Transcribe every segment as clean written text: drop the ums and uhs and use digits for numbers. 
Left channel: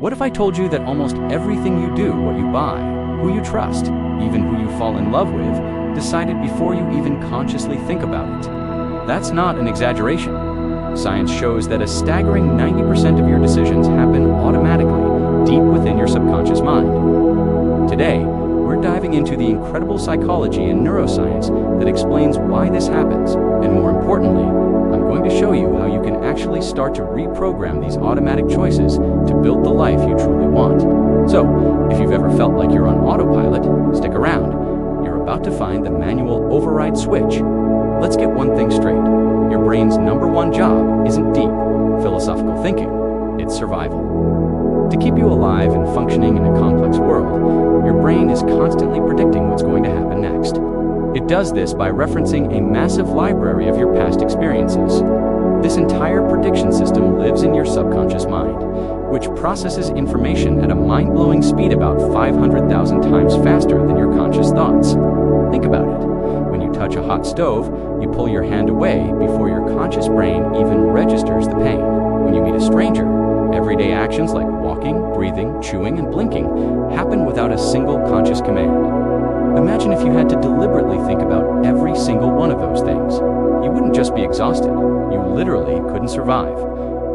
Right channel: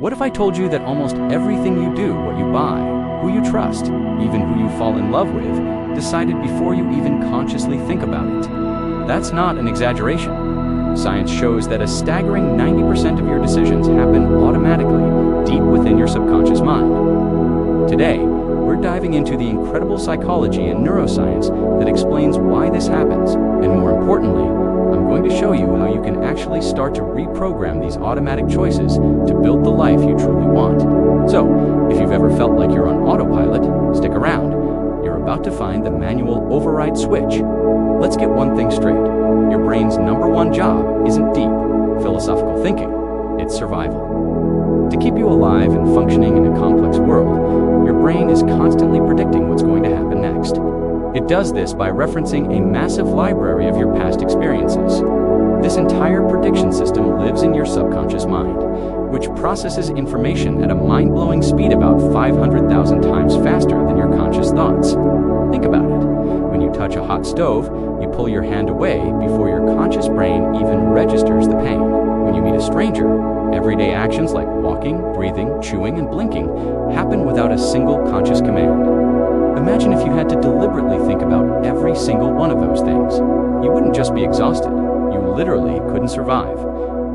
What if I told you that almost everything you do, what you buy, who you trust, even who you fall in love with, decided before you even consciously think about it? That's not an exaggeration. Science shows that a staggering 90% of your decisions happen automatically, deep within your subconscious mind. Today, we're diving into the incredible psychology and neuroscience that explains why this happens, and more importantly, I'm going to show you how you can actually start to reprogram these automatic choices to build the life you truly want. So, if you've ever felt like you're on autopilot, stick around. You're about to find the manual override switch. Let's get one thing straight. Your brain's number one job isn't deep, philosophical thinking. It's survival. To keep you alive and functioning in a complex world, your brain is constantly predicting what's going to happen next. It does this by referencing a massive library of your past experiences. This entire prediction system lives in your subconscious mind, which processes information at a mind-blowing speed about 500,000 times faster than your conscious thoughts. Think about it. When you touch a hot stove, you pull your hand away before your conscious brain even registers the pain. When you meet a stranger, everyday actions like walking, breathing, chewing, and blinking happen without a single conscious command. Imagine if you had to deliberately think about every single one of those things. You wouldn't just be exhausted, you literally couldn't survive.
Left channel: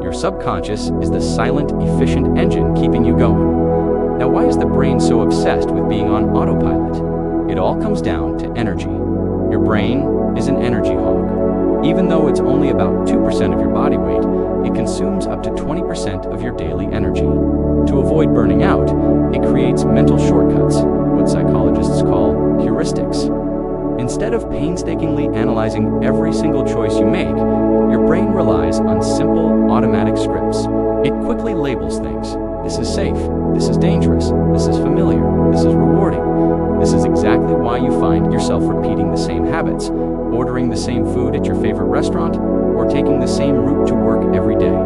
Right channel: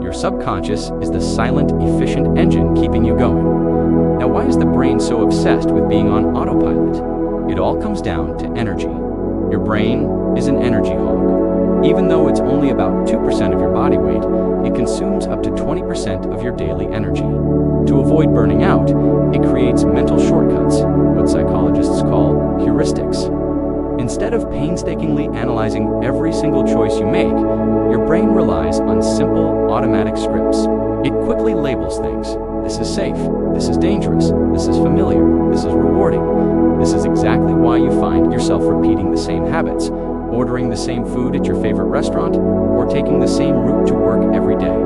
Your subconscious is the silent, efficient engine keeping you going. Now, why is the brain so obsessed with being on autopilot? It all comes down to energy. Your brain is an energy hog. Even though it's only about 2% of your body weight, it consumes up to 20% of your daily energy. To avoid burning out, it creates mental shortcuts, what psychologists call heuristics. Instead of painstakingly analyzing every single choice you make, your brain relies on simple, automatic scripts. It quickly labels things. This is safe. This is dangerous. This is familiar. This is rewarding. This is exactly why you find yourself repeating the same habits, ordering the same food at your favorite restaurant, or taking the same route to work every day.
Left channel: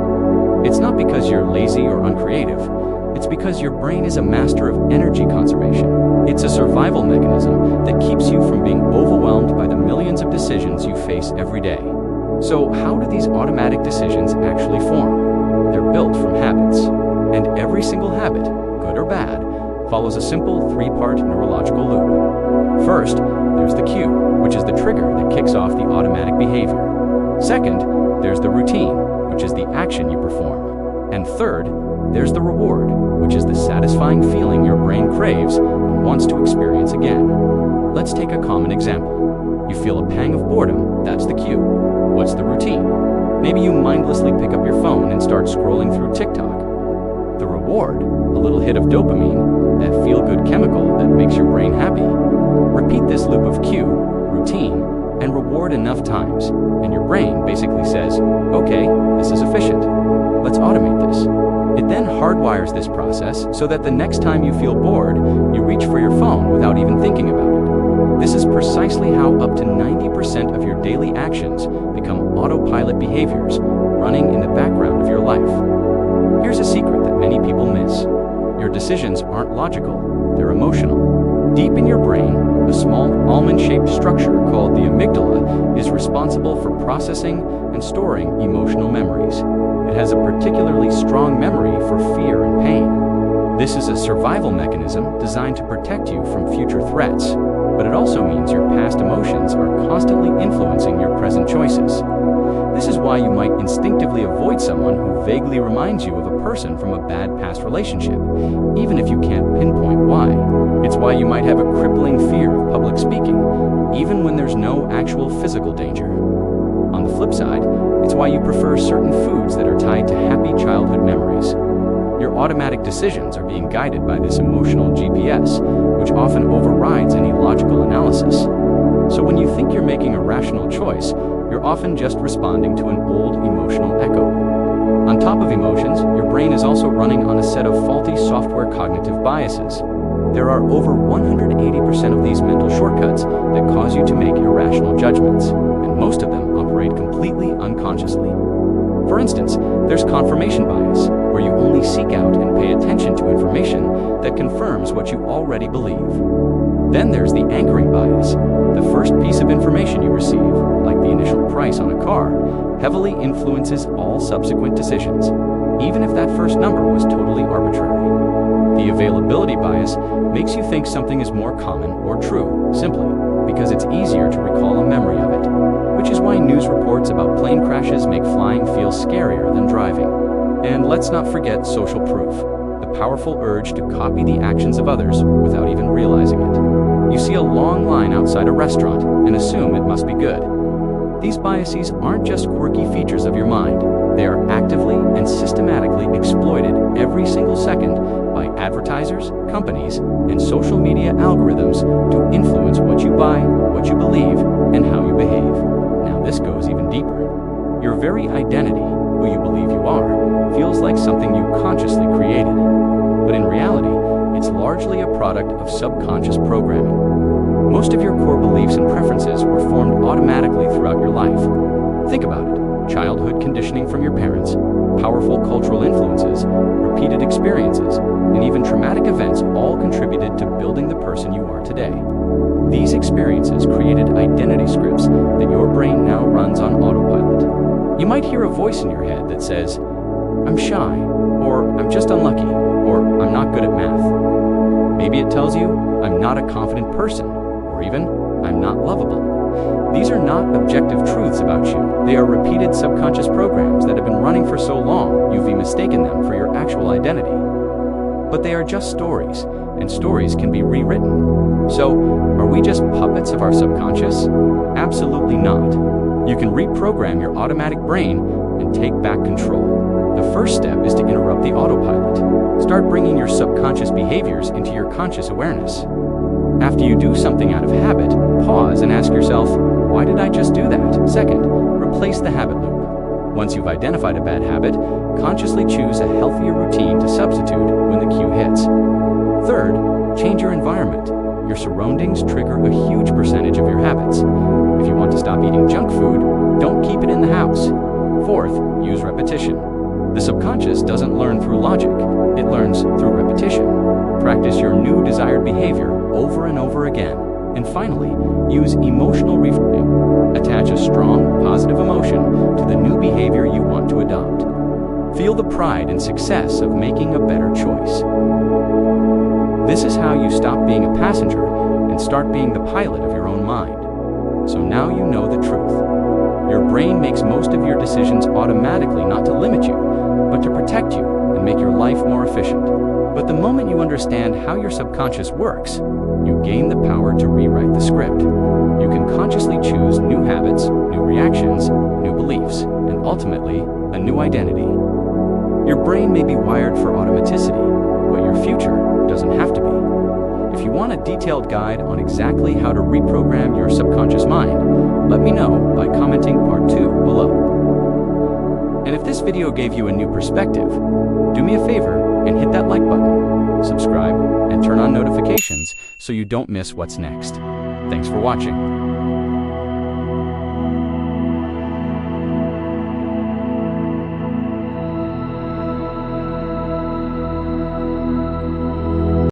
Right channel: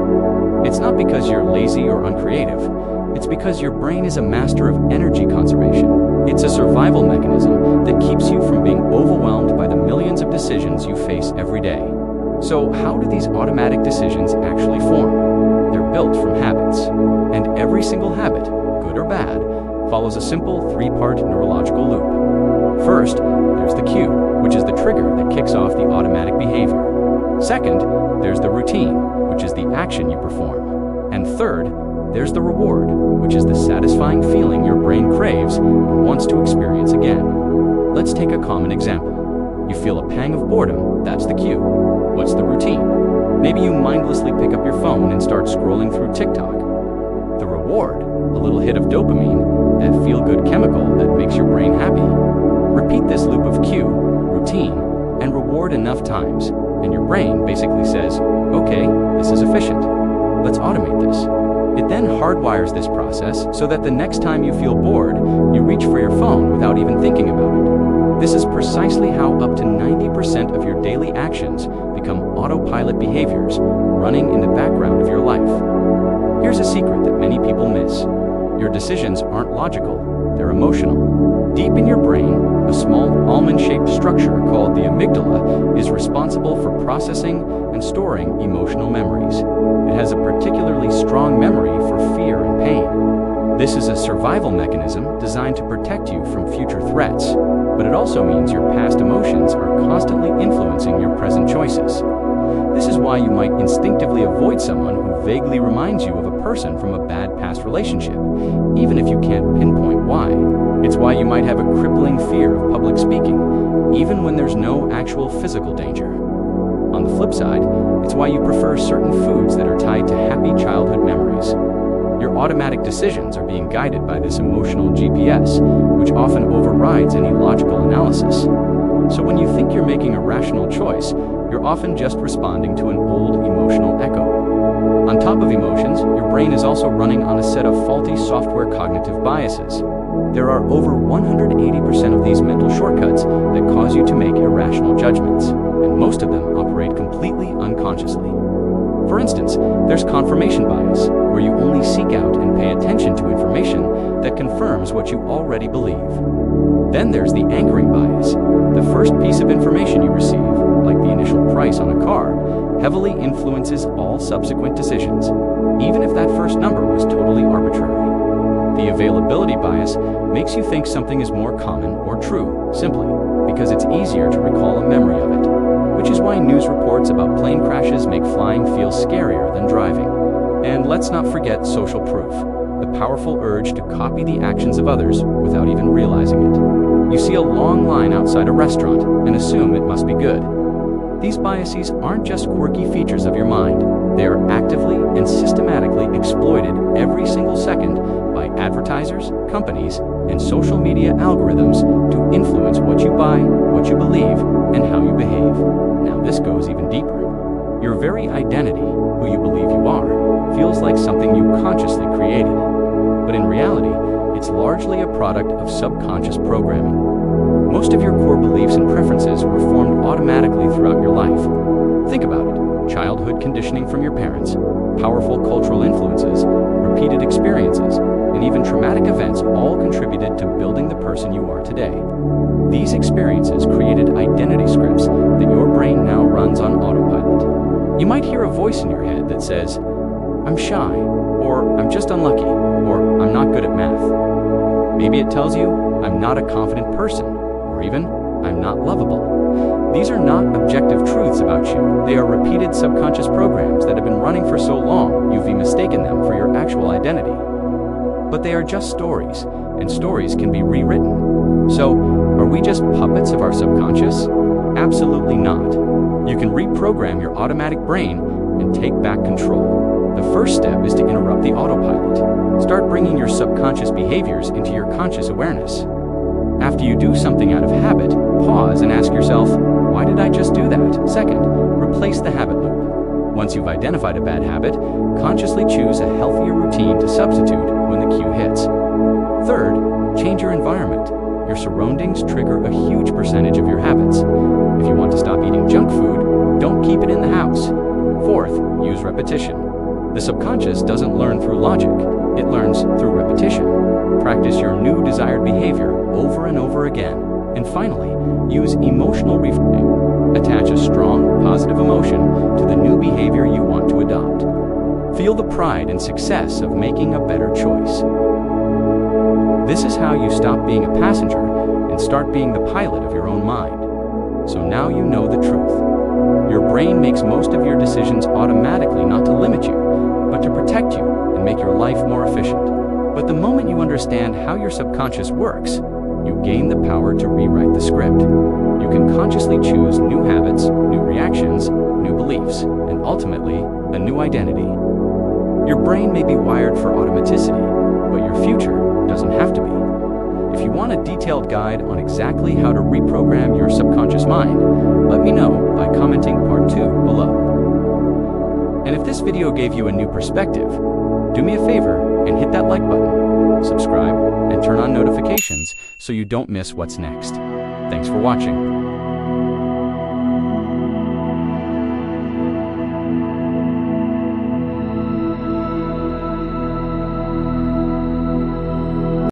It's not because you're lazy or uncreative. It's because your brain is a master of energy conservation. It's a survival mechanism that keeps you from being overwhelmed by the millions of decisions you face every day. So how do these automatic decisions actually form? They're built from habits. And every single habit, good or bad, follows a simple three-part neurological loop. First, there's the cue, which is the trigger that kicks off the automatic behavior. Second, there's the routine, which is the action you perform. And third, there's the reward, which is the satisfying feeling your brain craves and wants to experience again. Let's take a common example. You feel a pang of boredom, that's the cue. What's the routine? Maybe you mindlessly pick up your phone and start scrolling through TikTok. The reward, a little hit of dopamine, that feel-good chemical that makes your brain happy. Repeat this loop of cue, routine, and reward enough times, and your brain basically says, okay, this is efficient. Let's automate this. It then hardwires this process so that the next time you feel bored, you reach for your phone without even thinking about it. This is precisely how up to 90% of your daily actions become autopilot behaviors running in the background of your life. Here's a secret that many people miss. Your decisions aren't logical, they're emotional. Deep in your brain, a small almond-shaped structure called the amygdala is responsible for processing and storing emotional memories. It has a particularly strong memory for fear and pain. This is a survival mechanism designed to protect you from future threats, but it also means your past emotions are constantly influencing your present choices. This is why you might instinctively avoid someone who vaguely reminds you of a person from a bad past relationship, even if you can't pinpoint why. It's why you might have a crippling fear of public speaking, even when there's no actual physical danger. On the flip side, it's why you prefer certain foods that are tied to happy childhood memories. Your automatic decisions are being guided by this emotional GPS, which often overrides any logical analysis. So when you think you're making a rational choice, you're often just responding to an old emotional echo. On top of emotions, your brain is also running on a set of faulty software cognitive biases. There are over 180% of these mental shortcuts that cause you to make irrational judgments, and most of them operate completely unconsciously. For instance, there's confirmation bias, where you only seek out and pay attention to information that confirms what you already believe. Then there's the anchoring bias. The first piece of information you receive, like the initial price on a car, heavily influences all subsequent decisions. even if that first number was totally arbitrary. The availability bias makes you think something is more common or true, simply because it's easier to recall a memory of it, which is why news reports about plane crashes make flying feel scarier than driving. And let's not forget social proof, the powerful urge to copy the actions of others without even realizing it. You see a long line outside a restaurant and assume it must be good. These biases aren't just quirky features of your mind. They are actively and systematically exploited every single second by advertisers, companies, and social media algorithms to influence what you buy, what you believe, and how you behave. Now this goes even deeper. Your very identity, who you believe you are, feels like something you consciously created. But in reality, it's largely a product of subconscious programming. Most of your core beliefs and preferences were formed automatically throughout your life. Think about it. Childhood conditioning from your parents, powerful cultural influences, repeated experiences, and even traumatic events all contributed to building the person you are today. These experiences created identity scripts that your brain now runs on autopilot. You might hear a voice in your head that says, "I'm shy," or "I'm just unlucky," or "I'm not good at math." Maybe it tells you, "I'm not a confident person," or even, "I'm not lovable." These are not objective truths about you. They are repeated subconscious programs that have been running for so long you've mistaken them for your actual identity. But they are just stories, and stories can be rewritten. So, are we just puppets of our subconscious? Absolutely not. You can reprogram your automatic brain and take back control. The first step is to interrupt the autopilot. Start bringing your subconscious behaviors into your conscious awareness. After you do something out of habit, pause and ask yourself, why did I just do that? Second, replace the habit loop. Once you've identified a bad habit, consciously choose a healthier routine to substitute when the cue hits. Third, change your environment. Your surroundings trigger a huge percentage of your habits. If you want to stop eating junk food, don't keep it in the house. Fourth, use repetition. The subconscious doesn't learn through logic, it learns through repetition. Practice your new desired behavior over and over again. And finally, use emotional reframing. Attach a strong, positive emotion to the new behavior you want to adopt. Feel the pride and success of making a better choice. This is how you stop being a passenger and start being the pilot of your own mind. So now you know the truth. Your brain makes most of your decisions automatically, not to limit you, but to protect you and make your life more efficient. But the moment you understand how your subconscious works, you gain the power to rewrite the script. You can consciously choose new habits, new reactions, new beliefs, and ultimately, a new identity. Your brain may be wired for automaticity, but your future doesn't have to be. If you want a detailed guide on exactly how to reprogram your subconscious mind, let me know by commenting part 2 below. And if this video gave you a new perspective, do me a favor and hit that like button, subscribe, and turn on notifications so you don't miss what's next. Thanks for watching.